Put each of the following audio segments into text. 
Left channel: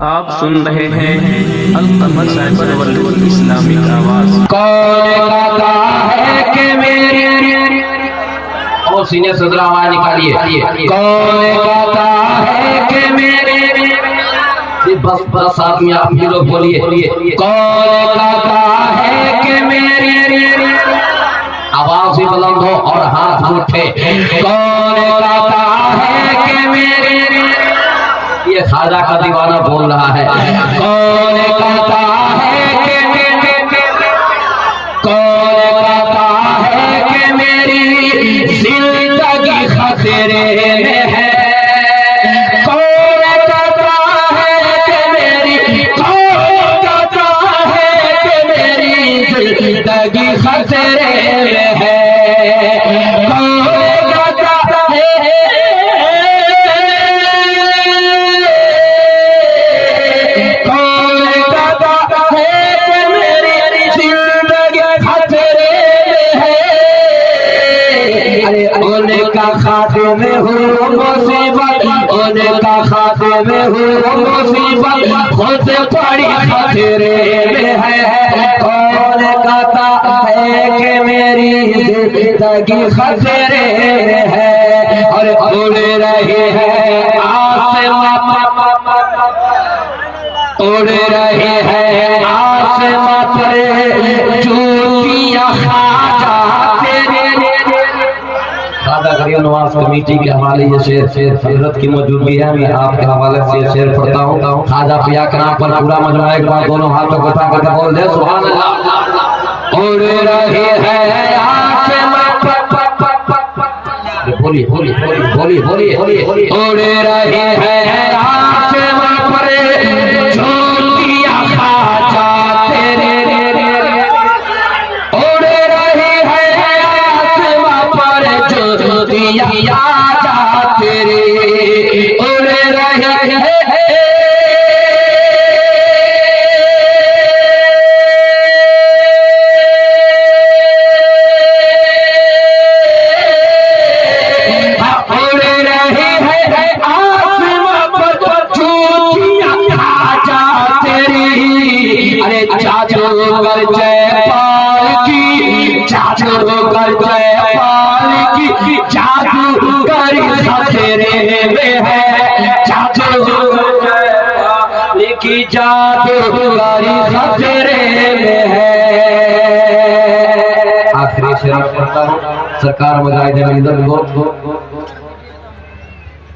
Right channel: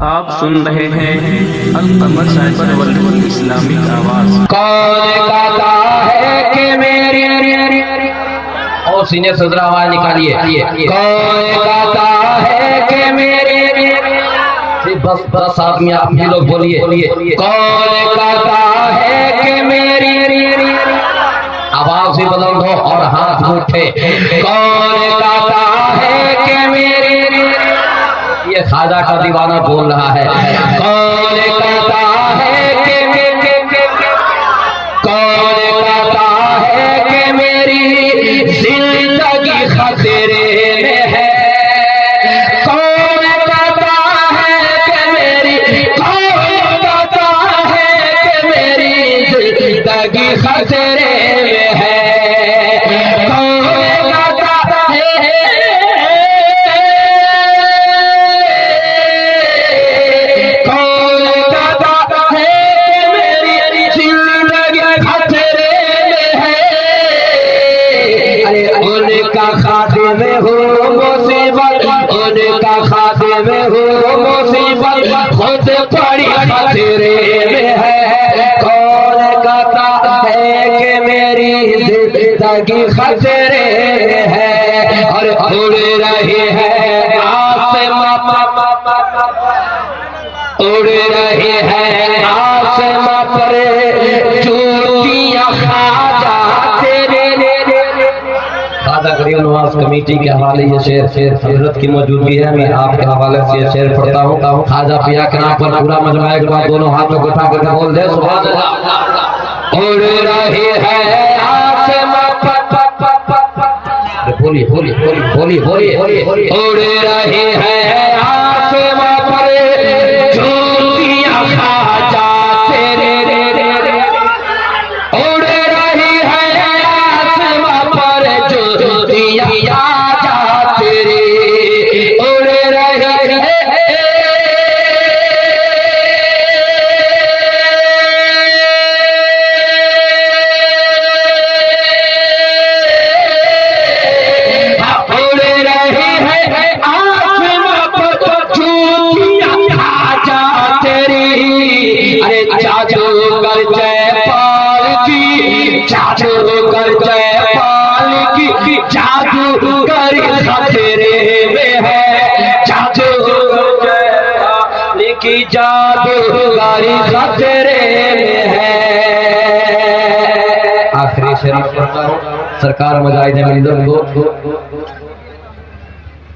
आप सुन रहे हैं अल-कमर साइबर वर्ल्ड इस्लामिक आवाज। कौन कहता है कि मेरी और सीनियर सदर आवाज निकालिए। कौन कहता है कि मेरी बस 10 आदमी आप भी लोग बोलिए। कौन कहता है कि मेरी आवाज भी बुलंद हो और हाथ उठे। कौन कहता है कि मेरी ये खाजा का दीवाना बोल रहा है। कौन कहता है कि कौन कहता है कि मेरी जिंदगी खतरे में है। कौन कहता है कि मेरी कौन कहता है कि मेरी जिंदगी खतरे में है। उनका खातिम हो मुसीबत, उनका खातिम हो मुसीबत, खुद पड़ी खतरे में है। कौन कहता है कि मेरी जिंदगी खतरे में है। और उड़ रही है आसमां, उड़ रही है आसमां पर चूड़ियां खाजा तेरे। खाजा करियो नवाज कमेटी के हवाले ये शेर हजरत की मौजूदगी है। मैं आपके हवाले से ये शेर पढ़ता हूँ। खाजा पिया के नाम पर पूरा मजमा एक बार दोनों हाथों को उठा करके बोल दे सुभान अल्लाह। उड़ रही है आसमां पर, बोलिए बोलिए बोलिए बोलिए बोलिए। उड़ रही है आसमां पर चूड़ियां खाजा तेरे। उड़ रही है आसमां पर चूड़ियां खाजा तेरे। उड़ रही है जादूगर जयपाल की, जादूगर जयपाल की, जादूगर खतरे में है। जादूगर जयपाल की, जादूगर खतरे में है। आखिरी शेर पढ़ता हूँ। सरकार मुजाहिद को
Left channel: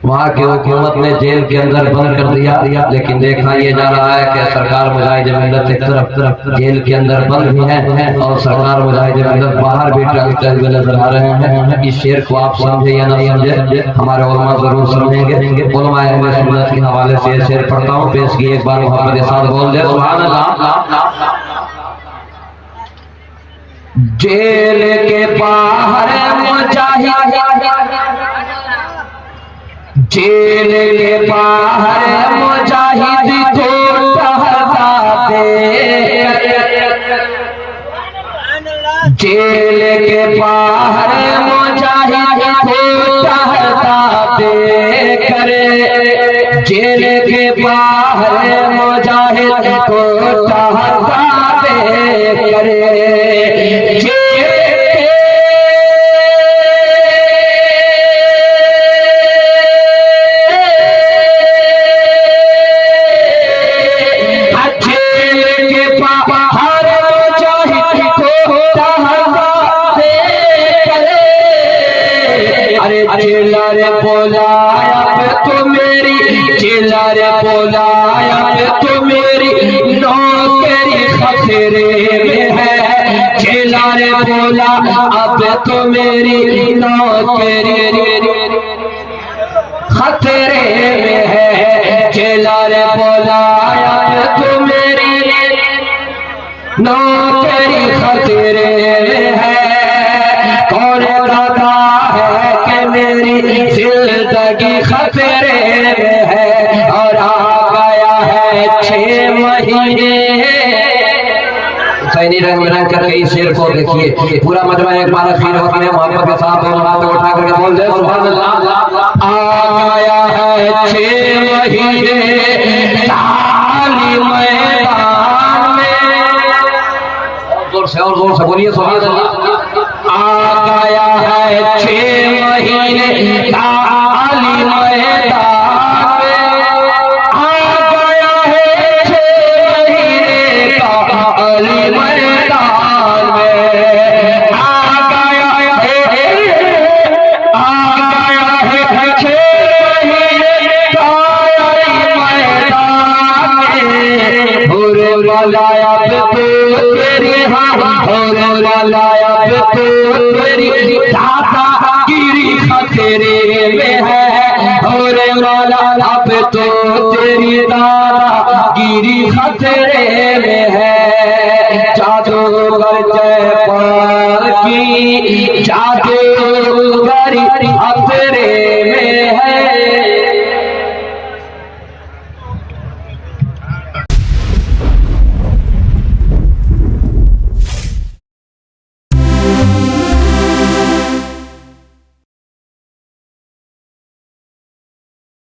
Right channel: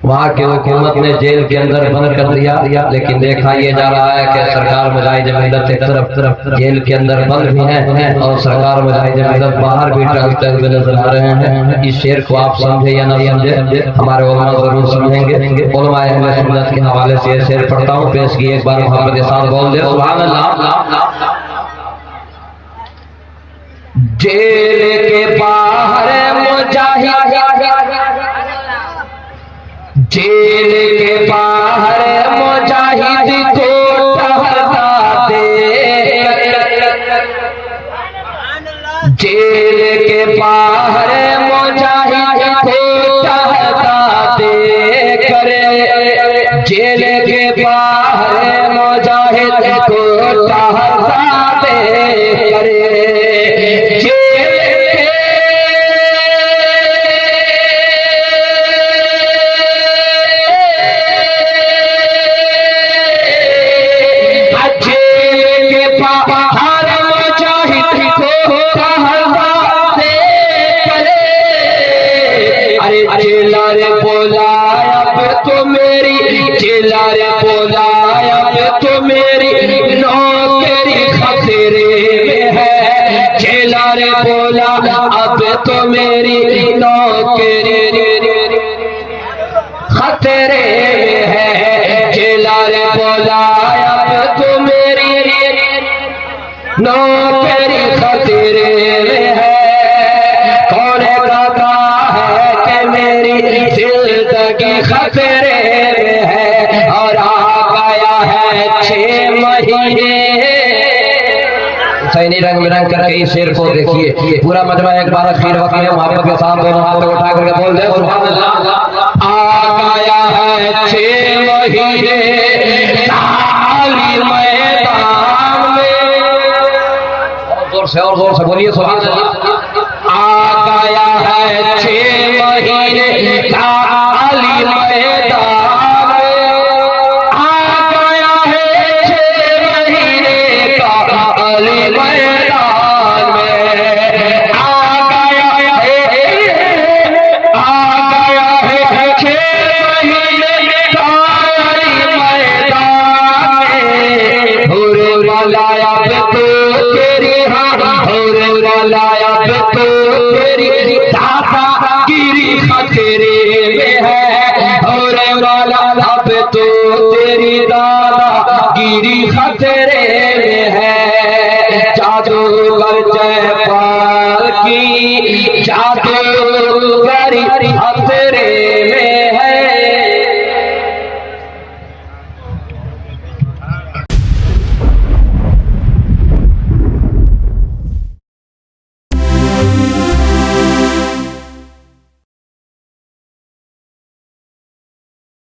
वहाँ की हुकूमत ने जेल के अंदर बंद कर दिया, लेकिन देखा ये जा रहा है कि सरकार मुजाहिद मिल्लत एक तरफ जेल के अंदर बंद भी है और सरकार मुजाहिद मिल्लत बाहर भी टहलते हुए नजर आ रहे हैं। इस शेर को आप समझे या ना समझे, हमारे उलमा जरूर समझेंगे। उलमा अहले सुन्नत के हवाले से ये शेर पढ़ता हूँ, पेश की एक बार मोहम्मद के साथ बोल दे सुभान अल्लाह। जेल के बाहर मुजाहिद, जेल के बाहर मुजाहिद को टहला दे। जेल के बाहर मुजाहिद को टहला दे करे। जेल के बाहर मुजाहिद को टहला दे करे। जेला रे बोला अब तो मेरी, जेला रे बोला अब तो मेरी नौकरी खतरे में है। जेला रे बोला अब तो मेरी नौकरी खतरे में है। जेला रे बोला अब तो मेरी नौकरी खतरे में है। कौन कहता है कि मेरी जिंदगी खतरे में है। और आ गया है 6 महीने। हुसैनी रंग बिरंग करके इस शेर को देखिए। पूरा मजमा एक बार अखीर वक्त में मोहब्बत के साथ दोनों हाथों उठा करके बोल दे सुभान अल्लाह। आ गया है 6 महीने से और जोर से बोलिए सुभान अल्लाह। आ गया है 6 महीने का अली मैदान में, आ गया है 6 महीने का अली मैदान में, आ गया है 6 महीने का अली मैदान में। होरे लाया तो तेरी होरे लाया तो तेरी दादा गिरी खतरे में है, होरे लाया तो तेरी दादा गिरी खतरे में है। जादूगर जयपाल की जादूगर खतरे में है।